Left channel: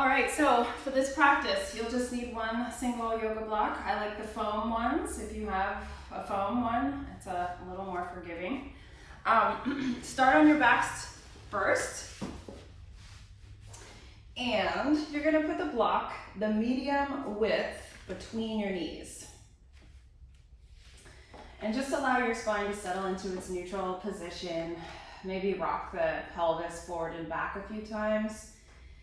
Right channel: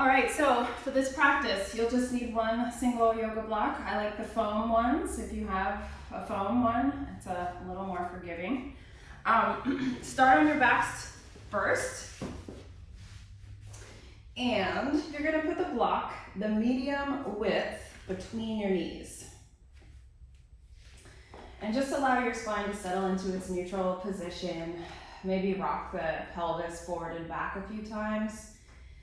All right, so for this practice, you'll just need one single yoga block. I like the foam ones. If you have a foam one, it's a little more forgiving. Start on your backs first. And you're gonna put the block, the medium width, between your knees. And just allow your spine to settle into its neutral position. Maybe rock the pelvis forward and back a few times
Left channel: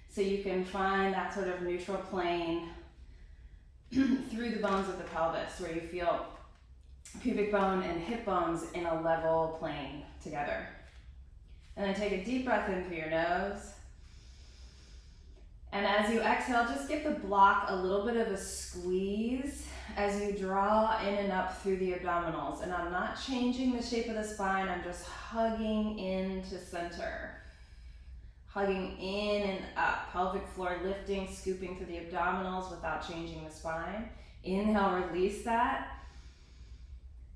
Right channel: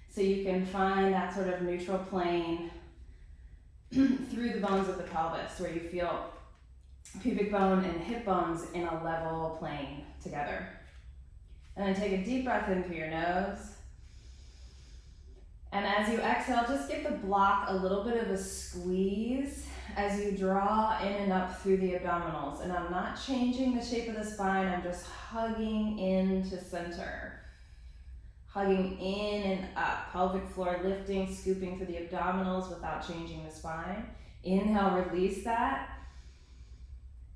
so you can find that sort of neutral plane through the bones of the pelvis where you feel pubic bone and hip bones in a level plane together. And then take a deep breath in through your nose. And as you exhale, just give the block a little bit of a squeeze as you draw in and up through the abdominals. And I'm not changing the shape of the spine, I'm just hugging into center. Hugging in and up, pelvic floor lifting, scooping through the abdominals without changing the spine. Inhale, release that.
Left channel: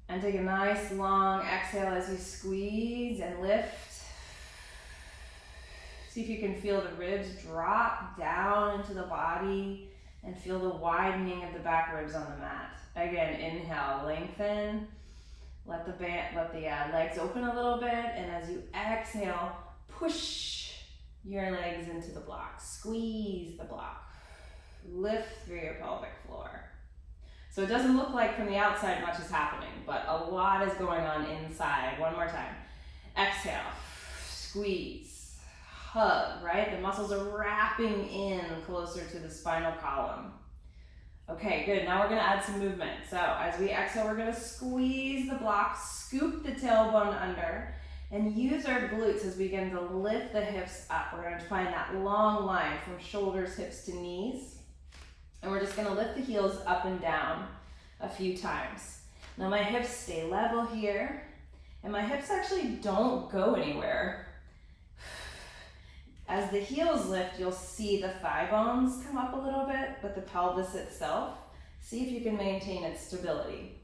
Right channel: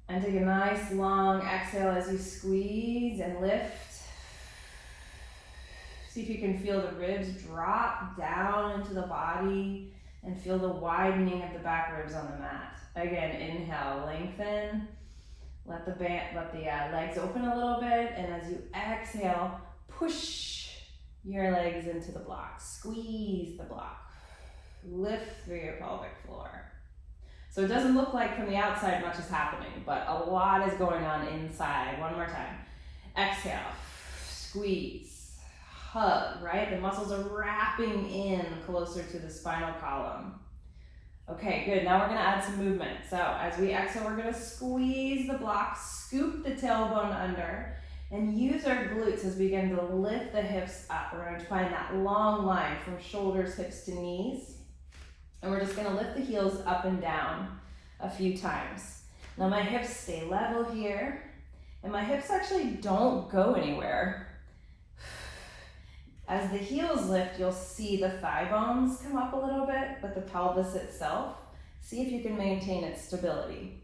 And take a nice long exhale as you squeeze and lift. See if you can feel the ribs drop down into the body and feel the widening of the back ribs on the mat. Again, inhale, lengthen. Let the legs open a little bit, and as you exhale, push your legs into the block. Squeeze the block. Lift through your pelvic floor. So it doesn't look like from the outside much is happening, but a lot is going on inside. One more time. Exhale, squeeze, hug, right? The muscles are wrapping in closer to the spinal column. Okay, good. Now we're gonna add some movement. So as we exhale, we're gonna squeeze the block, scoop the tailbone under, and use our glutes as we begin to lift the hips up. We're gonna find that long line from shoulders, hips to knees. And we're just gonna lift the heels up and down a few times. Now my hips stay level here, and my hips actually don't go anywhere. As the heels lift, you'll see the thigh bones come up a little bit, but the pelvis itself, see if you can maintain its stability.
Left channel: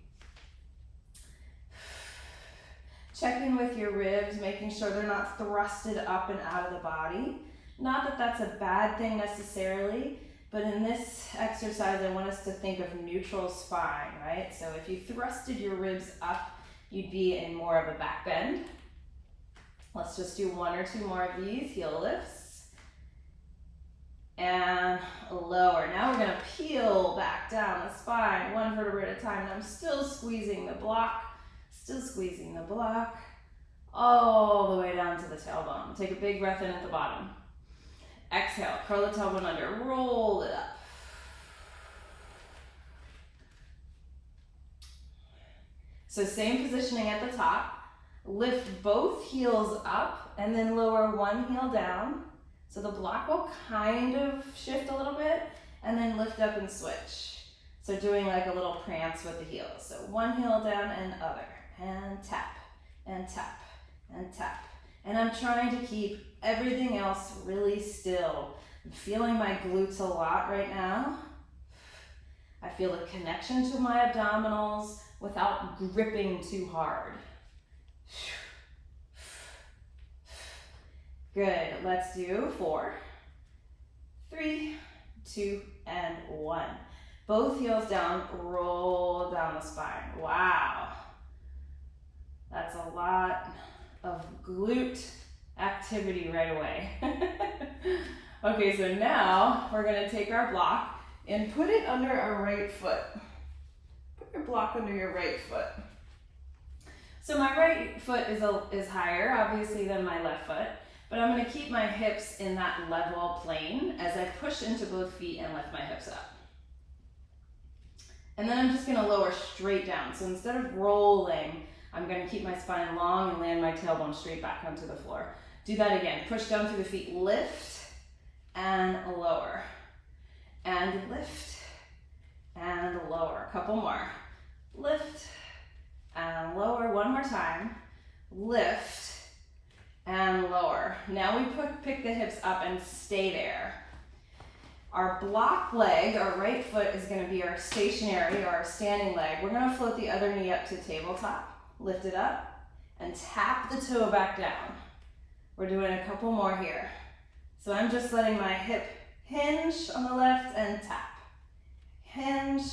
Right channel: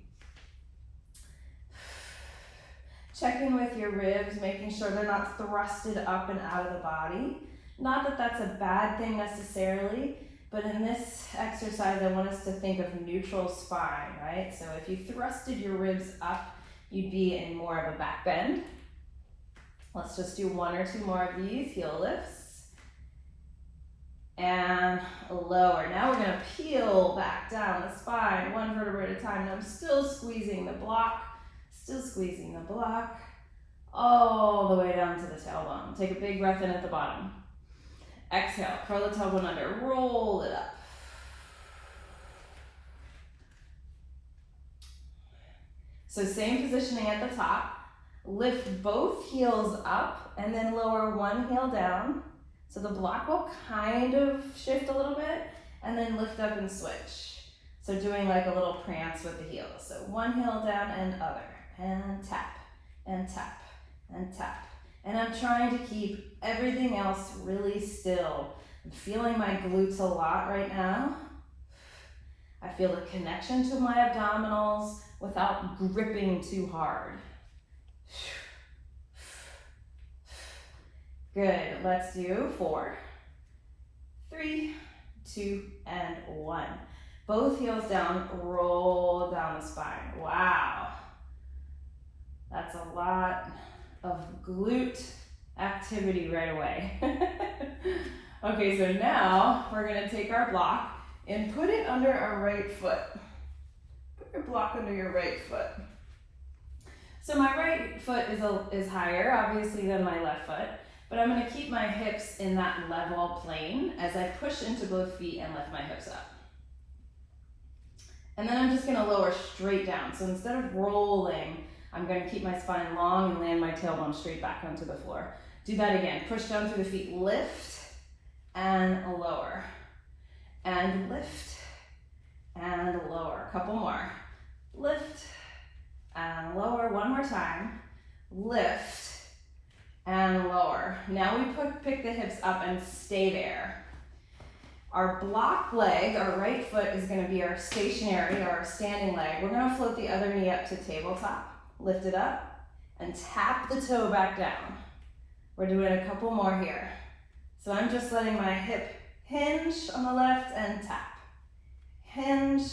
Checking with your ribs, making sure they're not thrusted up and out of the body. Not that that's a bad thing necessarily, but in this exercise, I want us to think of neutral spine, right? So if you thrusted your ribs up, you'd be in more of a back bend. Let's just do one or two more of these, heel lifts. And lower. Now we're gonna peel back down the spine, one vertebra at a time. And I'm still squeezing the block. Still squeezing the block all the way down to the tailbone. Take a big breath in at the bottom. Exhale, curl the tailbone under, roll it up. So same positioning at the top. Lift both heels up and then lower one heel down. So the block will kind of shift a little bit and then lift up and switch. So doing like a little prance with the heels. So one heel down and other. And tap, and tap, and tap. And I'm trying to keep everything else really still. I'm feeling my glutes a lot right now. I feel the connection to my abdominals without gripping too hard. Good, let's do 4, 3, 2, and 1. Both heels down, roll down the spine. Wow. That's a lot of glute activity right away. Okay, so now we're gonna take our block and put it under our right foot. Put your block under your right foot. So my right foot is higher, obviously, than my left foot, but I'm gonna keep my hips in that level plane as I push into both feet and lift my hips up. And then I'm just gonna lower straight down. So instead of rolling, I'm gonna keep my spine long and land my tailbone straight back onto the floor. Do that again. Push down through the feet, lift and lower. And lift and lower. A couple more. Lift and lower. One more time. Lift and lower. Now we pick the hips up and stay there. Our block leg, our right foot, is gonna be our stationary or our standing leg. We're gonna float the other knee up to tabletop. Lift it up and tap the toe back down. We're doing a couple more here. So I'm just letting my hip Hinge on the left and tap. Hinge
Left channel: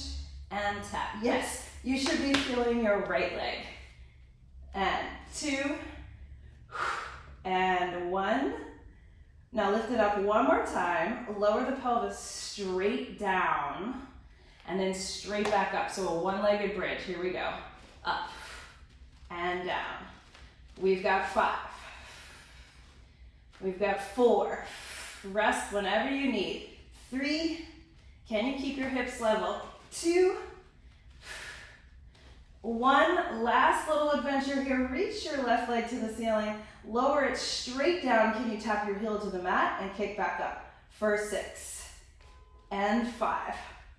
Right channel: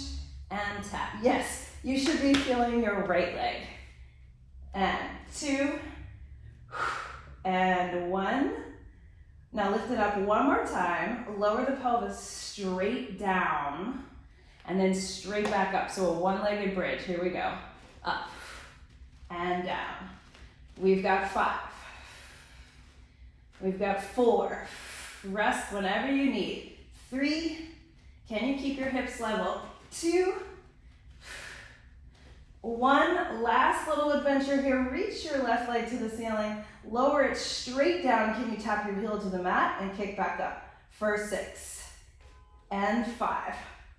and tap. Yes, you should be feeling your right leg. And 2, and 1. Now lift it up one more time. Lower the pelvis straight down, and then straight back up. So a one-legged bridge. Here we go. Up and down. We've got 5. We've got 4. Rest whenever you need. 3. Can you keep your hips level? 2. 1. Last little adventure here. Reach your left leg to the ceiling. Lower it straight down. Can you tap your heel to the mat and kick back up? For 6 and 5.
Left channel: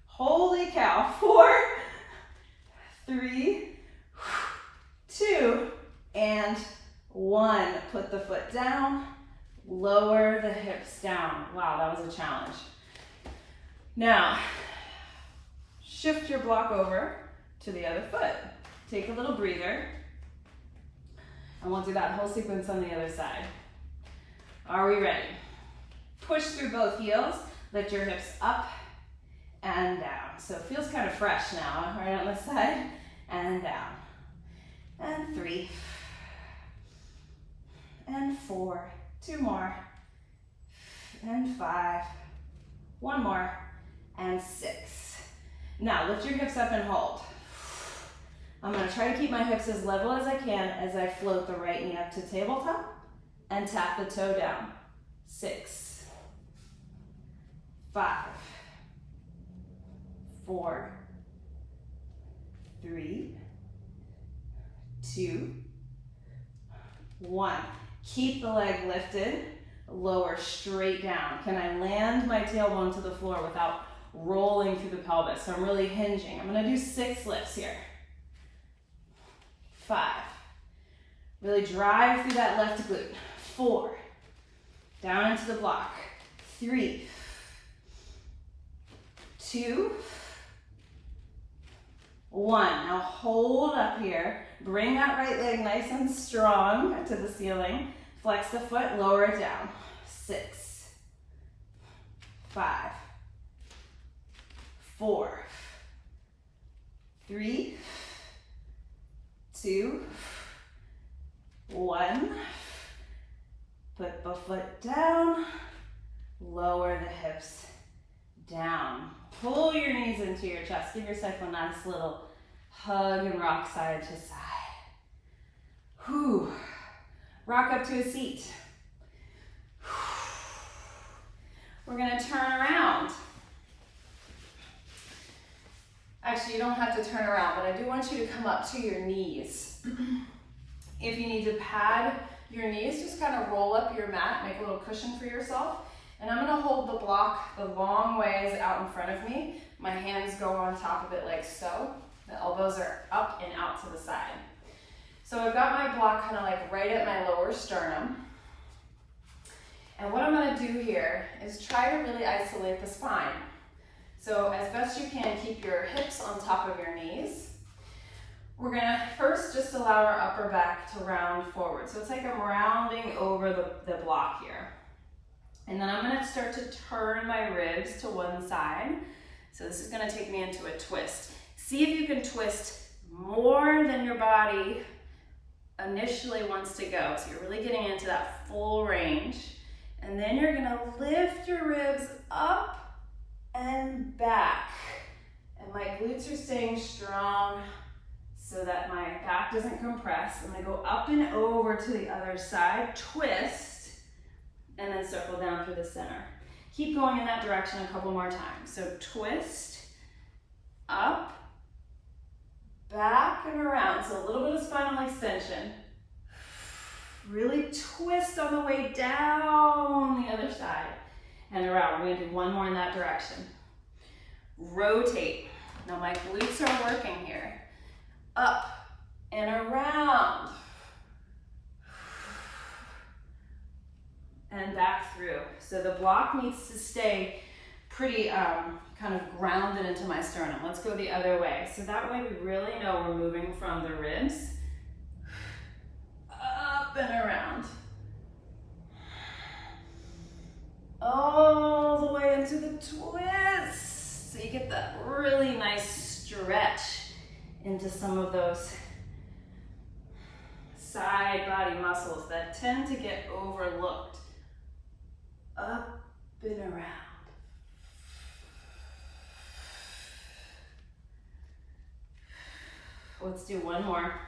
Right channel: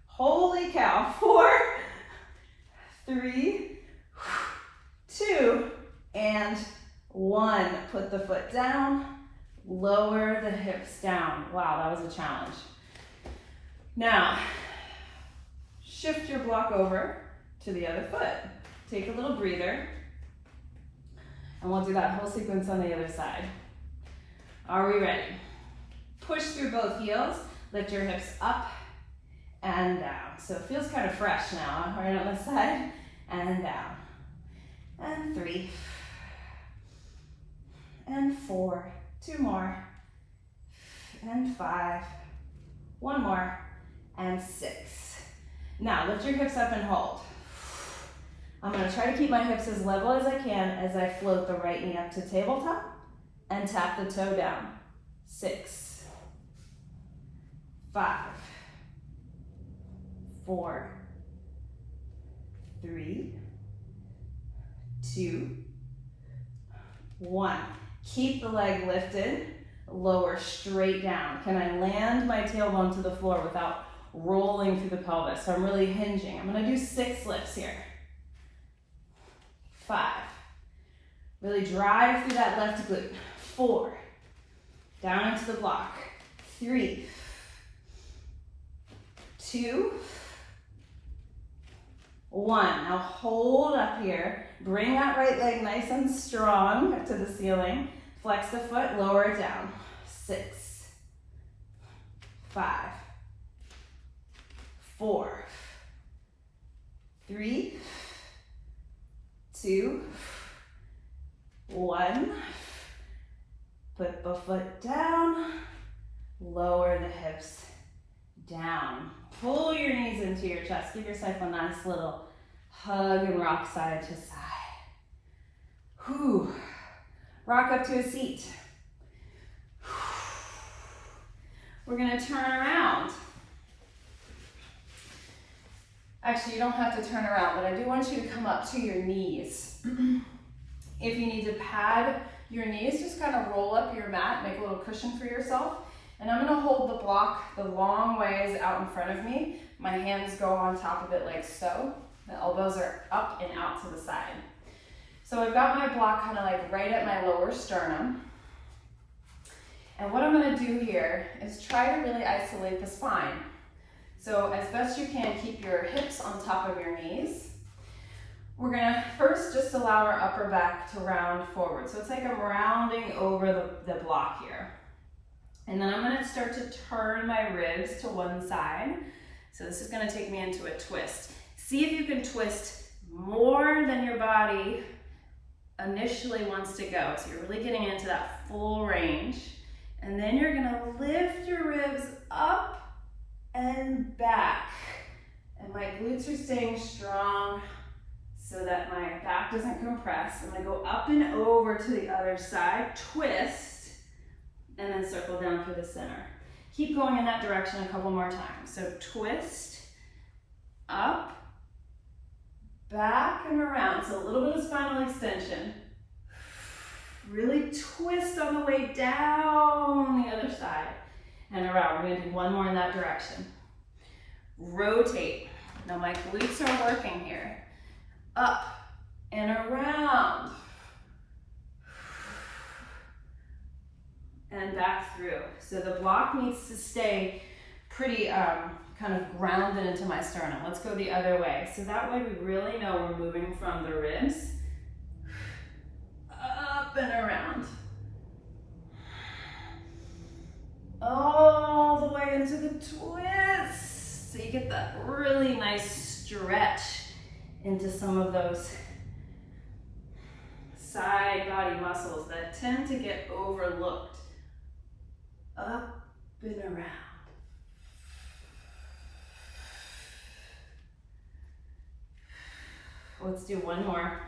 Holy cow. 4, 3, 2, and 1. Put the foot down. Lower the hips down. Wow, that was a challenge. Now, shift your block over to the other foot. Take a little breather. And we'll do that whole sequence on the other side. Are we ready? Push through both heels. Lift your hips up and down. So it feels kind of fresh now, right on this side. And down. And 3. And 4. 2 more. And 5. 1 more. And 6. Now lift your hips up and hold. I'm going to try to keep my hips as level as I can as I float the right knee up to tabletop and tap the toe down. 6, 5, 4, 3, 2, 1. Keep the leg lifted, lower straight down. Can I land my tailbone to the floor without rolling through the pelvis? So I'm really hinging. I'm going to do 6 lifts here. 5. Really drive through that left glute. 4. Down into the block. 3. 2. 1. Now hold up here. Bring that right leg nice and strong to the ceiling. Flex the foot, lower it down. 6. 5. 4. 3. 2. 1. Put the foot down. Lower the hips down. Pull your knees into your chest. Give yourself a nice little hug and rock side to side. Whew. Rock up to a seat. We're going to turn around. Actually, you don't have to turn around, but I do want you to come up to your knees. If you need to pad your knees, just kind of roll up your mat, make a little cushion for yourself. And I'm going to hold the block the long ways out in front of me. My hands go on top of it like so. The elbows are up and out to the side. So I've got my block kind of like right at my lower sternum. And what I'm going to do here is try to really isolate the spine. So as best you can, keep your hips on top of your knees. We're going to first just allow our upper back to round forward. So it's like I'm rounding over the block here. And then I'm going to start to turn my ribs to one side. So this is going to take me into a twist. See if you can twist more than your body initially wants to go. So you're really getting into that full range. And then you're going to lift your ribs up and back. And my glutes are staying strong so that my back doesn't compress. I'm going to go up and over to the other side, twist, and then circle down through the center. Keep going in that direction a couple more times. So twist, up, back and around. So a little bit of spinal extension. Really twist on the way down the other side and around. We're going to do one more in that direction. Rotate. Now my glutes are working here. Up and around. And back through. So the block needs to stay pretty kind of grounded into my sternum. Let's go the other way. So that way we really know we're moving from the ribs up and around. All the way into the twist. So you get that really nice stretch into some of those side body muscles that tend to get overlooked. Up and around. Let's do one more.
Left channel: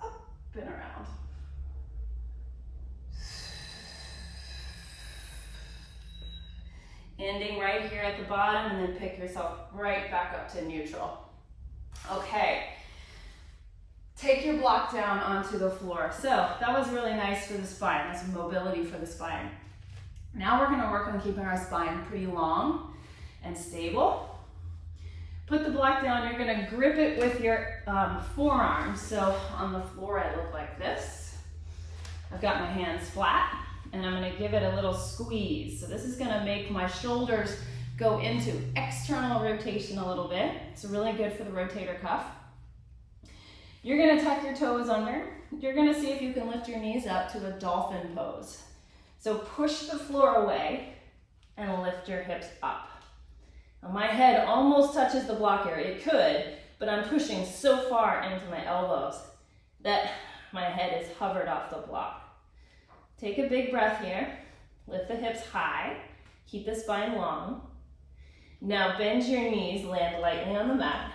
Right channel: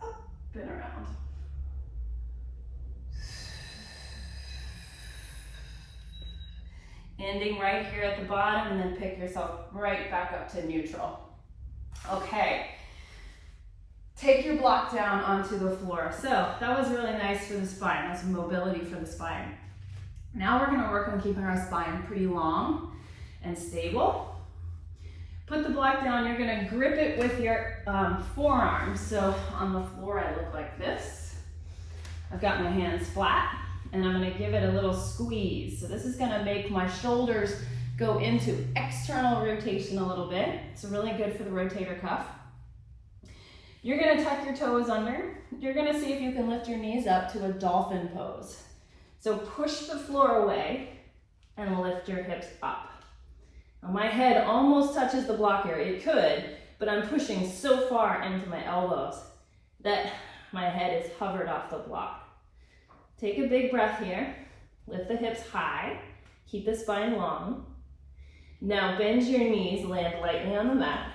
Up and around. Ending right here at the bottom, and then pick yourself right back up to neutral. Okay. Take your block down onto the floor. So that was really nice for the spine. That's mobility for the spine. Now we're gonna work on keeping our spine pretty long and stable. Put the block down, you're gonna grip it with your forearms. So on the floor, I look like this. I've got my hands flat, and I'm gonna give it a little squeeze. So this is gonna make my shoulders go into external rotation a little bit. It's really good for the rotator cuff. You're gonna tuck your toes under. You're gonna see if you can lift your knees up to a dolphin pose. So push the floor away and lift your hips up. Now my head almost touches the block here. It could, but I'm pushing so far into my elbows that my head is hovered off the block. Take a big breath here. Lift the hips high. Keep the spine long. Now bend your knees, land lightly on the mat.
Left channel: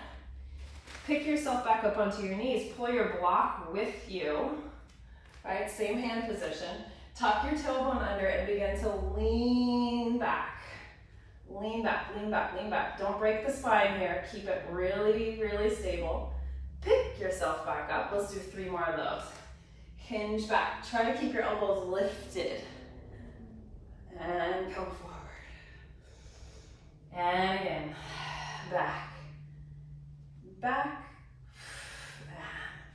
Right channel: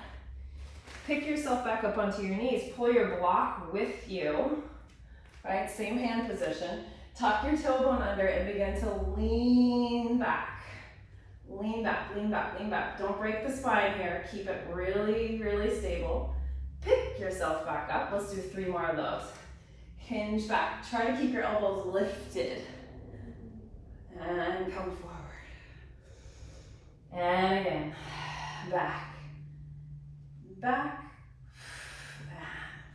Pick yourself back up onto your knees. Pull your block with you, right? Same hand position. Tuck your tailbone under and begin to lean back. Lean back, lean back, lean back. Don't break the spine here. Keep it really, really stable. Pick yourself back up. Let's do 3 more of those. Hinge back. Try to keep your elbows lifted. And come forward. And again, back. Back,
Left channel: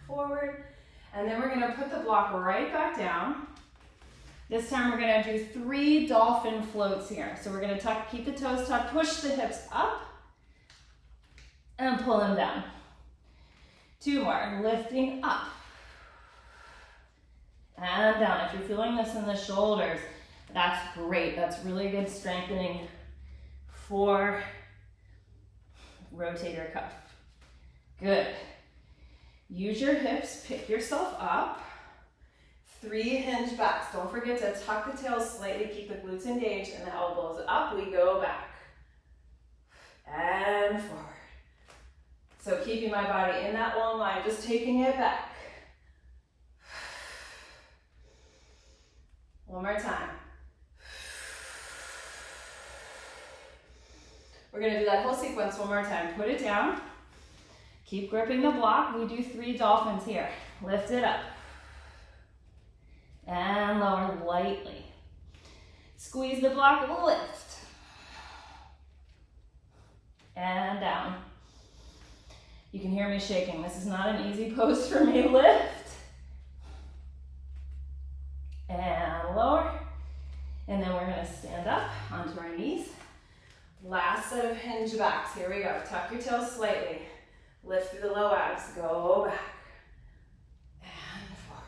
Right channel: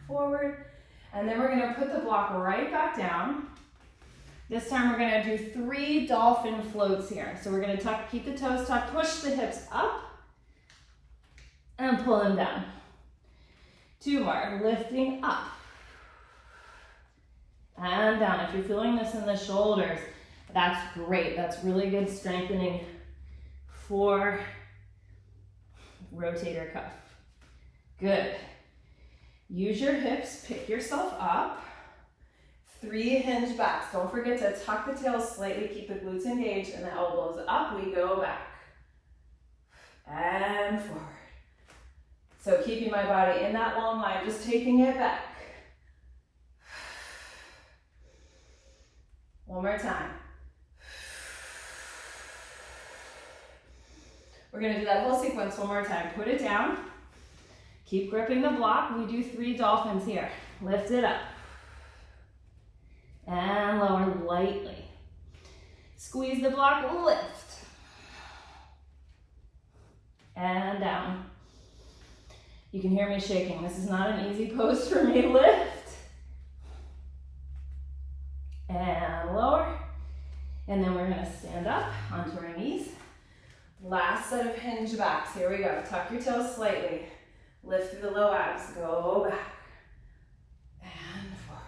forward, and then we're gonna put the block right back down. This time we're gonna do 3 dolphin floats here. So we're gonna tuck, keep the toes tucked, push the hips up, and pull them down. 2 more, lifting up, and down. If you're feeling this in the shoulders, that's great. That's really good strengthening for rotator cuff. Good. Use your hips, pick yourself up. 3 hinge backs. Don't forget to tuck the tails slightly, keep the glutes engaged, and the elbows up. We go back. And forward. So keeping my body in that long line, just taking it back. One more time. We're gonna do that whole sequence one more time. Put it down. Keep gripping the block. We do 3 dolphins here. Lift it up. And lower lightly. Squeeze the block, lift. And down. You can hear me shaking. This is not an easy pose for me. Lift. And lower. And then we're gonna stand up onto our knees. Last set of hinge backs. Here we go. Tuck your toes slightly. Lift through the low abs, go back, and forward.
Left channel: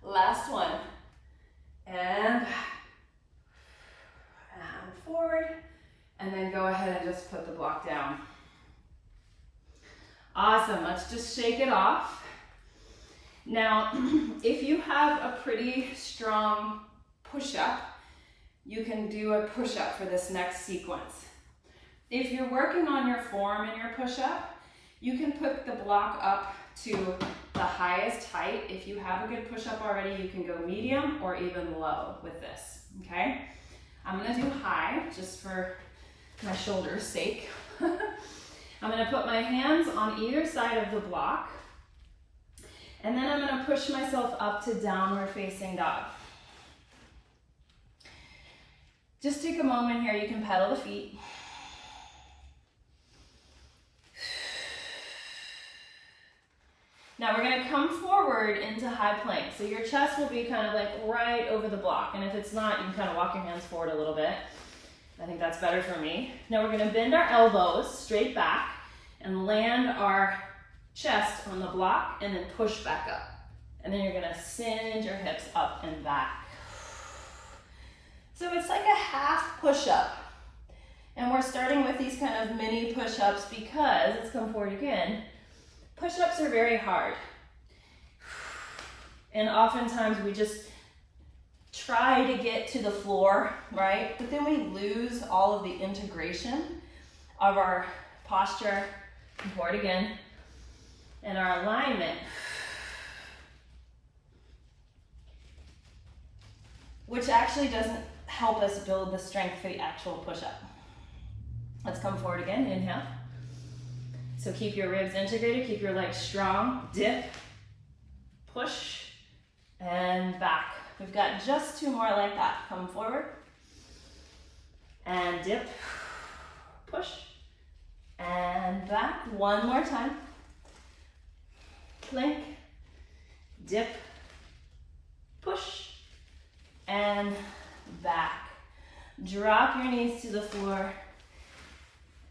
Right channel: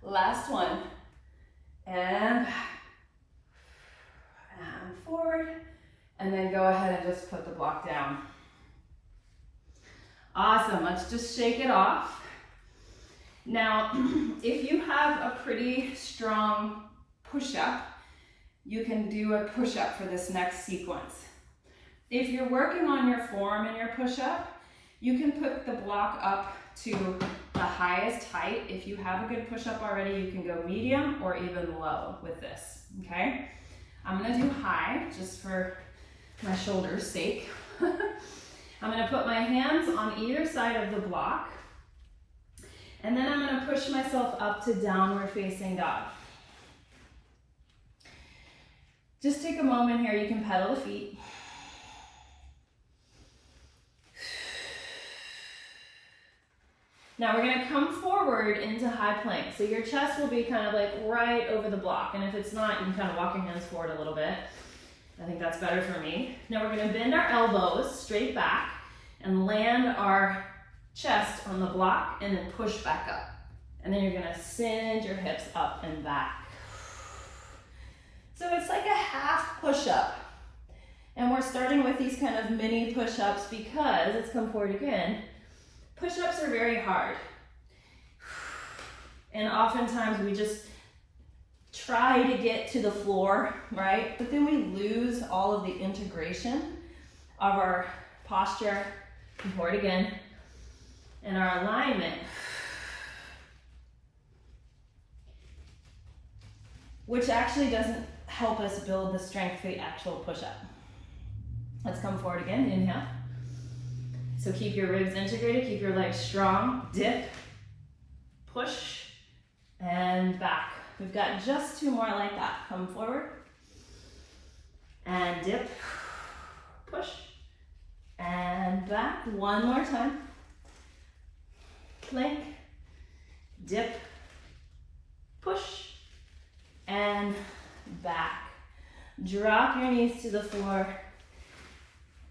Last one, and back, and forward, and then go ahead and just put the block down. Awesome, let's just shake it off. Now, if you have a pretty strong push-up, you can do a push-up for this next sequence. If you're working on your form in your push-up, you can put the block up to the highest height. If you have a good push-up already, you can go medium or even low with this, okay? I'm gonna do high, just for my shoulders' sake. I'm gonna put my hands on either side of the block, and then I'm gonna push myself up to downward facing dog. Just take a moment here, you can pedal the feet. Now we're gonna come forward into high plank. So your chest will be kind of like right over the block. And if it's not, you can kind of walk your hands forward a little bit. I think that's better for me. Now we're gonna bend our elbows straight back and land our chest on the block and then push back up. And then you're gonna send your hips up and back. So it's like a half push-up. And we're starting with these kind of mini push-ups because, let's come forward again, push-ups are very hard. And oftentimes we just try to get to the floor, right? But then we lose all of the integration of our posture, come forward again, and our alignment, which actually doesn't help us build the strength for the actual push-up. Let's come forward again, inhale. So keep your ribs integrated, keep your legs strong, dip, push, and back. We've got just 2 more like that. Come forward, and dip, push, and back. 1 more time. Plank, dip, push, and back. Drop your knees to the floor,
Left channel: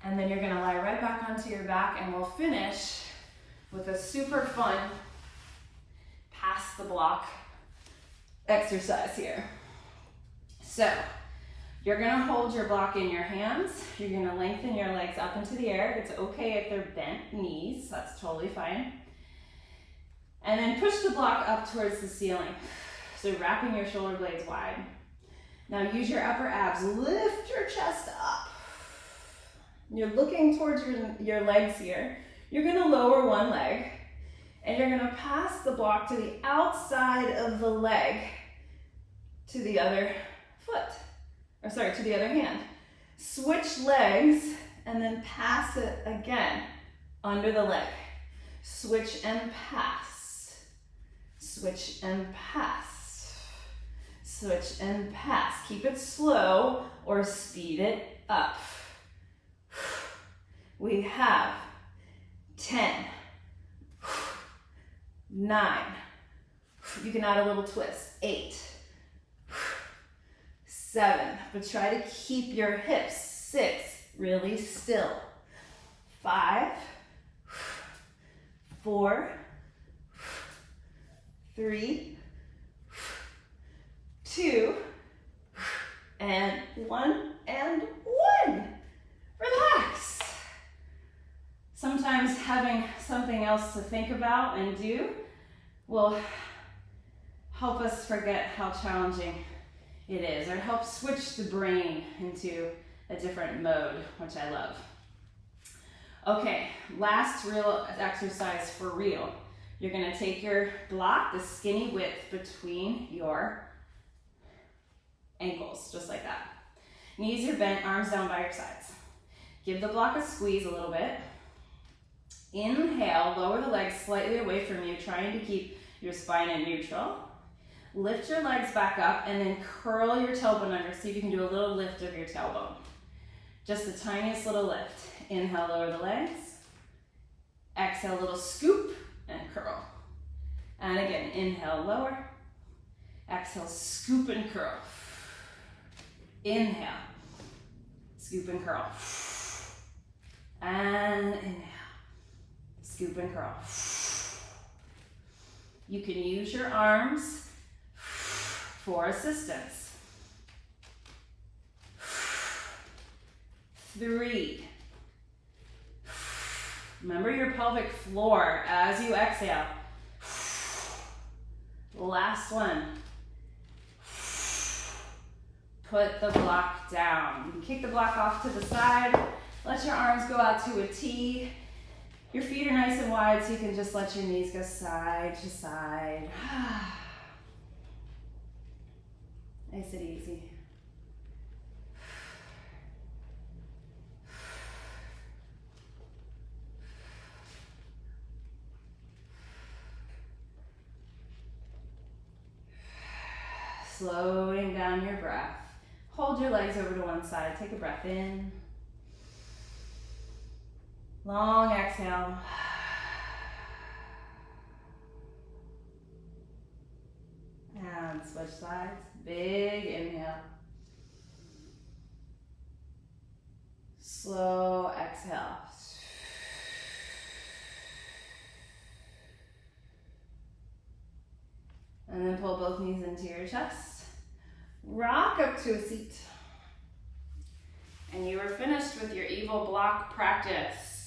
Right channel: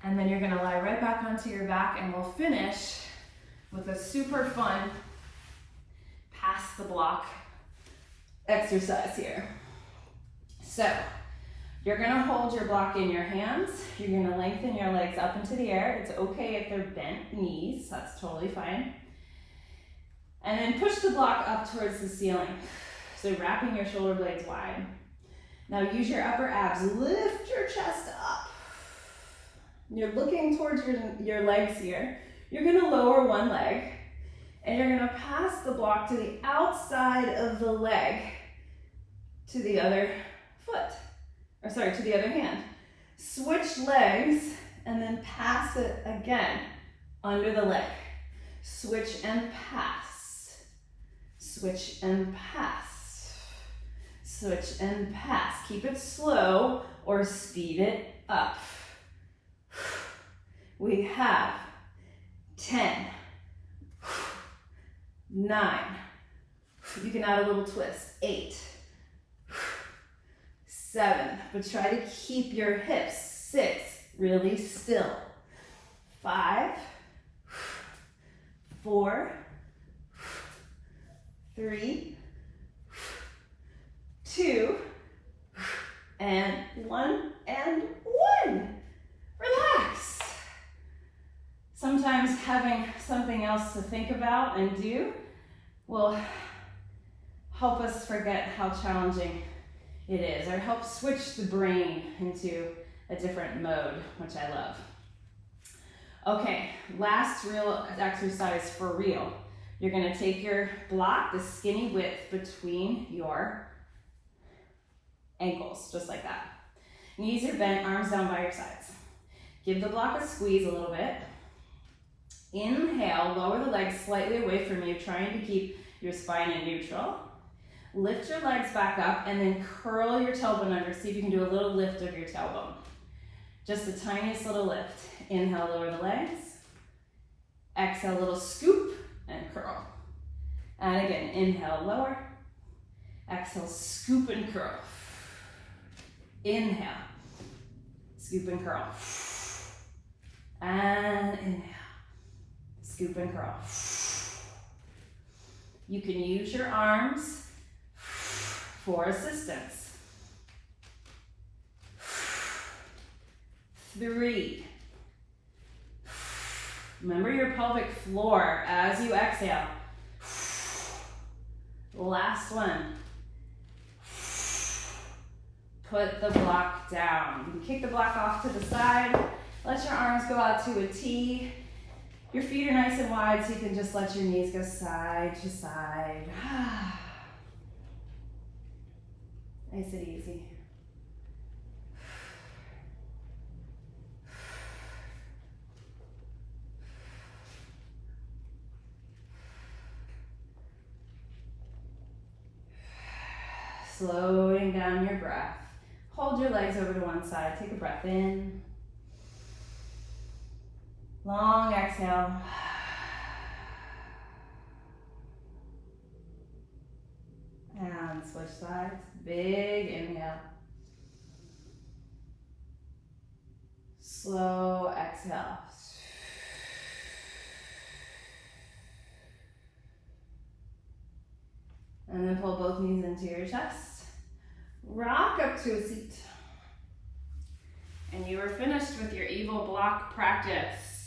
and then you're gonna lie right back onto your back, and we'll finish with a super fun pass the block exercise here. So you're gonna hold your block in your hands. You're gonna lengthen your legs up into the air. It's okay if they're bent knees, that's totally fine. And then push the block up towards the ceiling. So wrapping your shoulder blades wide. Now use your upper abs, lift your chest up. You're looking towards your legs here. You're gonna lower one leg, and you're gonna pass the block to the outside of the leg to the other foot, or sorry, to the other hand. Switch legs and then pass it again under the leg. Switch and pass. Switch and pass. Switch and pass. Keep it slow or speed it up. We have 10, 9, you can add a little twist, 8, 7, but try to keep your hips, 6, really still, 5, 4, 3, 2, and 1, and 1. Relax. Sometimes having something else to think about and do will help us forget how challenging it is, or help switch the brain into a different mode, which I love. Okay, last real exercise for real. You're gonna take your block, the skinny width between your ankles, just like that. Knees are bent, arms down by your sides. Give the block a squeeze a little bit. Inhale, lower the legs slightly away from you, trying to keep your spine in neutral. Lift your legs back up and then curl your tailbone under. See if you can do a little lift of your tailbone. Just the tiniest little lift. Inhale, lower the legs. Exhale, a little scoop and curl. And again, inhale, lower. Exhale, scoop and curl. Inhale, scoop and curl. And inhale. Scoop and curl. You can use your arms for assistance. 3. Remember your pelvic floor as you exhale. Last one. Put the block down. You can kick the block off to the side. Let your arms go out to a T. Your feet are nice and wide, so you can just let your knees go side to side. Nice and easy. Slowing down your breath. Hold your legs over to one side. Take a breath in. Long exhale. And switch sides. Big inhale. Slow exhale. And then pull both knees into your chest. Rock up to a seat. And you are finished with your evil block practice.